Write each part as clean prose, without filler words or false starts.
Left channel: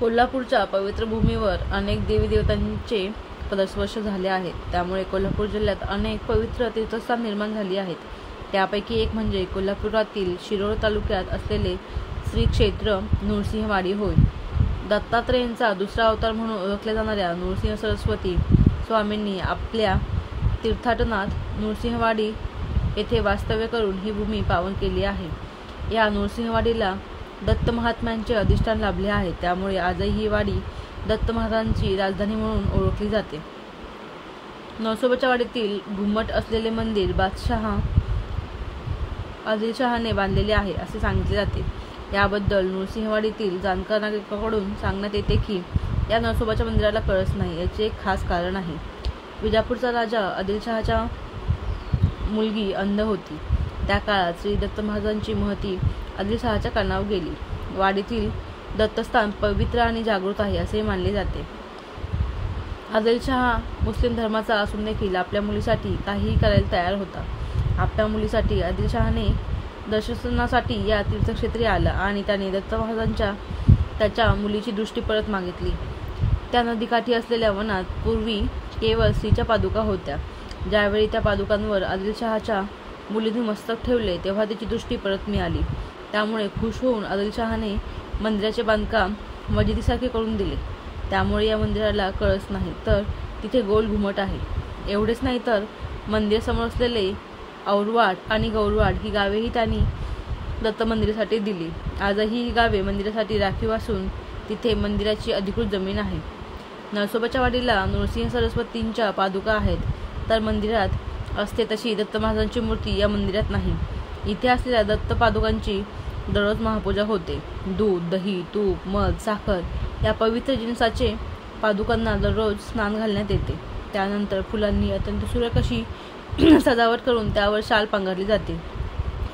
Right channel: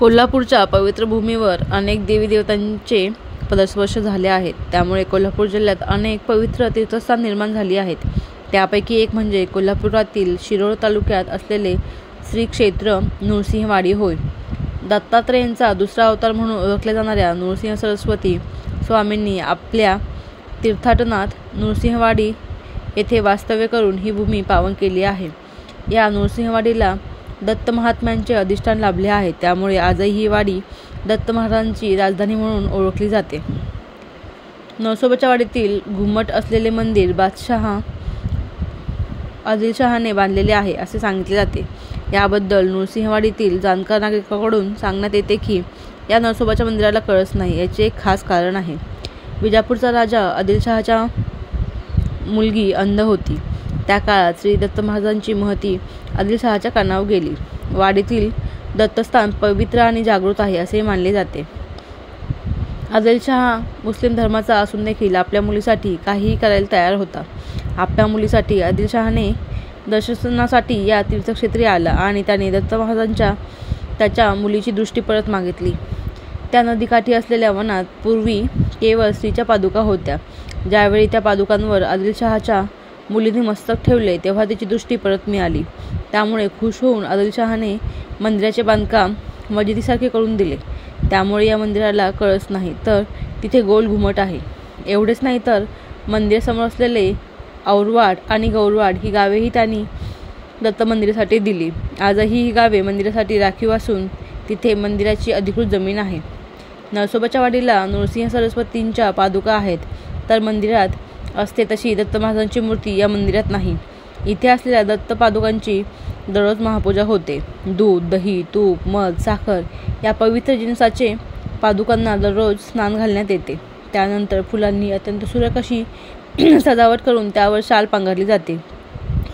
कोल्हापूरच्या पवित्र भूमीवर अनेक देवी देवतांचे पदस्पर्श झाले आहेत. त्यामुळे कोल्हापूर जिल्ह्यात अनेक पवित्र तीर्थस्थान निर्माण झाली आहेत. त्यापैकी एक म्हणजे कोल्हापुरातील शिरोळ तालुक्यात असलेले श्री क्षेत्र नृसिंहवाडी होय. दत्तात्रेयांचा दुसरा अवतार म्हणून ओळखल्या जाणाऱ्या नृसिंह सरस्वती स्वामींनी आपल्या तीर्थाटनात नृसिंहवाडी येथे वास्तव्य करून ही भूमी पावन केली आहे. या नृसिंहवाडीला दत्त महात्म्यांचे अधिष्ठान लाभले आहे. त्यामुळे आजही ही वाडी दत्त महाराजांची राजधानी म्हणून ओळखली जाते. नरसोबाच्या वाडीतील घुमट असलेले मंदिर बादशाह आदिलशहाने बांधलेले आहे असे सांगितले जाते. याबद्दल नृसिंहवाडीतील जाणकार नागरिकांकडून सांगण्यात येते की या नरसोबाच्या मंदिराला कळस नाही. याचे एक खास कारण आहे. विजापूरचा राजा आदिलशहाच्या मुलगी अंध होती. त्या काळात श्री दत्त महाराजांची महती आदिलशहाच्या कानावर गेली. वाडीतील दत्तस्थान पवित्र आणि जागृत आहे असे मानले जाते. आदिलशहा मुस्लिम धर्माचा असून देखील आपल्या मुलीसाठी काहीही करायला तयार होता. आपल्या मुलीसाठी आदिलशहाने दर्शनासाठी या तीर्थक्षेत्री आला आणि त्याने दत्त महाराजांच्या त्याच्या मुलीची दृष्टी परत मागितली. त्या नदीकाठी असलेल्या वनात पूर्वी केवळ स्त्रीच्या पादुका होत्या. ज्यावेळी त्या पादुकांवर आदिलशहाच्या मुलीने मस्तक ठेवले तेव्हा तिची दृष्टी परत मिळाली. त्यामुळे खुश होऊन आदिलशहाने मंदिराचे बांधकाम मशिदीसारखे करून दिले. त्यामुळे या मंदिराला कळस नाही, तर तिथे गोल घुमट आहे. एवढेच नाही तर मंदिरासमोर असलेले औरवाड आणि गौरवाड ही गावेही त्यांनी दत्त मंदिरासाठी दिली. आजही ही गावे मंदिरासाठी राखीव असून तिथे मंदिराची अधिकृत जमीन आहे. नरसोबाच्या वाडीला नृसिंह सरस्वतींच्या पादुका आहेत, तर मंदिरात असते तशी दत्त महाराजांची मूर्ती या मंदिरात नाही. इथे असलेल्या दत्त पादुकांची दररोज महापूजा होते. दूध, दही, तूप, मध, साखर या पवित्र जिन्साचे पादुकांना दररोज स्नान घालण्यात येते. त्यानंतर फुलांनी अत्यंत सुरेख अशी सजावट करून त्यावर शाल पांघरली जाते.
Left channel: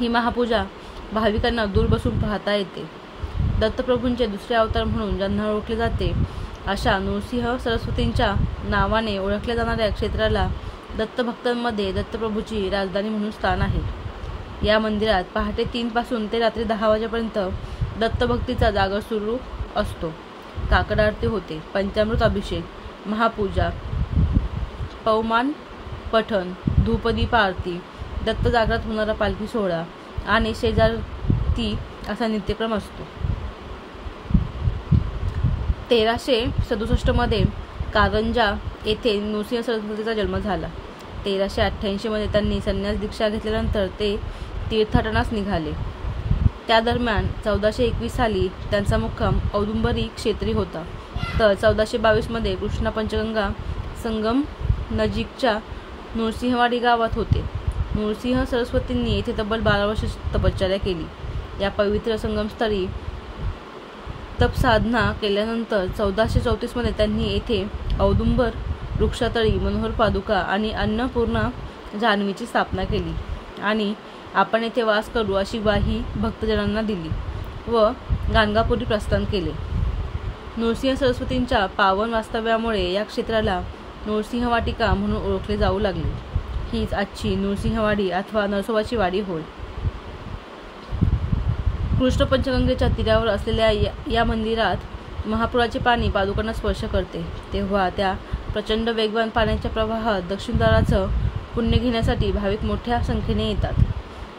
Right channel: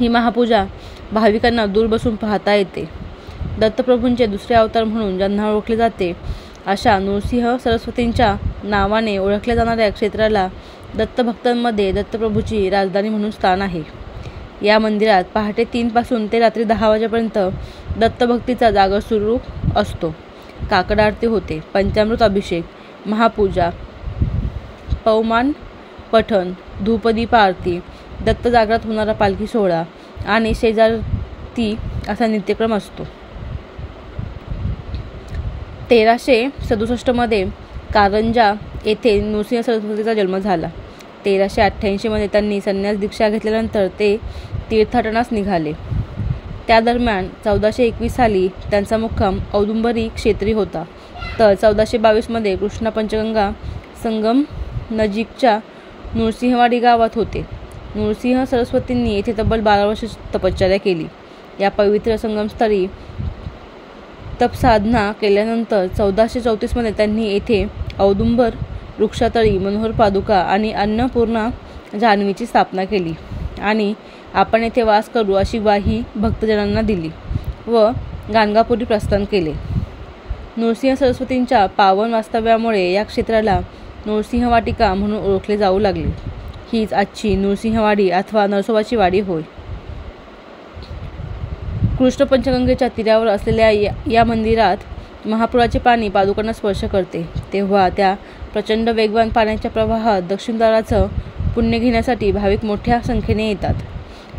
ही महापूजा भाविकांना दूर बसून पाहता येते. दत्तप्रभूंचे दुसरे अवतार म्हणून ज्यांना ओळखले जाते अशा नृसिंह सरस्वतींच्या नावाने ओळखल्या जाणाऱ्या क्षेत्राला दत्तभक्तांमध्ये दत्तप्रभूची राजधानी म्हणून स्थान आहे. या मंदिरात पहाटे 3 पासून ते रात्री 10 वाजेपर्यंत दत्तभक्तीचा जागर सुरू असतो. काकड आरती होते. पंचामृत अभिषेक, महापूजा, पवमान पठण, धूपदीप आरती, दत्त जागरात होणारा पालखी सोहळा आणि शेजारती असा नित्यक्रम असतो. 1367 मध्ये कारंजा येथे नृसिंह सरस्वतीचा जन्म झाला. 1388 मध्ये त्यांनी संन्यास दीक्षा घेतल्यानंतर ते तीर्थाटनास निघाले. त्या दरम्यान 1421 साली त्यांचा मुक्काम औदुंबरी क्षेत्री होता. तर 1422 मध्ये कृष्णा पंचगंगा संगम नजीकच्या नृसिंहवाडी गावात होते. नृसिंह सरस्वतींनी येथे तब्बल 12 वर्ष तपश्चर्या केली. या पवित्र संगमस्थळी तपसाधना केल्यानंतर 1434 मध्ये त्यांनी येथे औदुंबर वृक्षातळी मनोहर पादुका आणि अन्नपूर्णा जान्हवीची स्थापना केली आणि आपण येथे वास करू अशी ग्वाही भक्तजनांना दिली व गाणगापुरी प्रस्थान केले. नृसिंह सरस्वतींच्या पावन वास्तव्यामुळे या क्षेत्राला नृसिंहवाटिका म्हणून ओळखले जाऊ लागले. हीच आजची नृसिंहवाडी अथवा नरसोबाची वाडी होय. कृष्ण पंचगंगेच्या तीरावर असलेल्या या मंदिरात महापुराचे पाणी पादुकांना स्पर्श करते तेव्हा त्या प्रचंड वेगवान पाण्याच्या प्रवाहात दक्षिणद्वाराचं पुण्य घेण्यासाठी भाविक मोठ्या संख्येने येतात.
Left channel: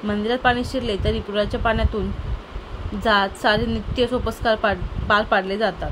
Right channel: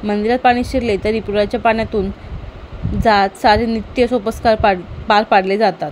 मंदिरात पाणी शिरले तरी पुराच्या पाण्यातून जात सारे नित्य सोपस्कार पार पाडले जातात.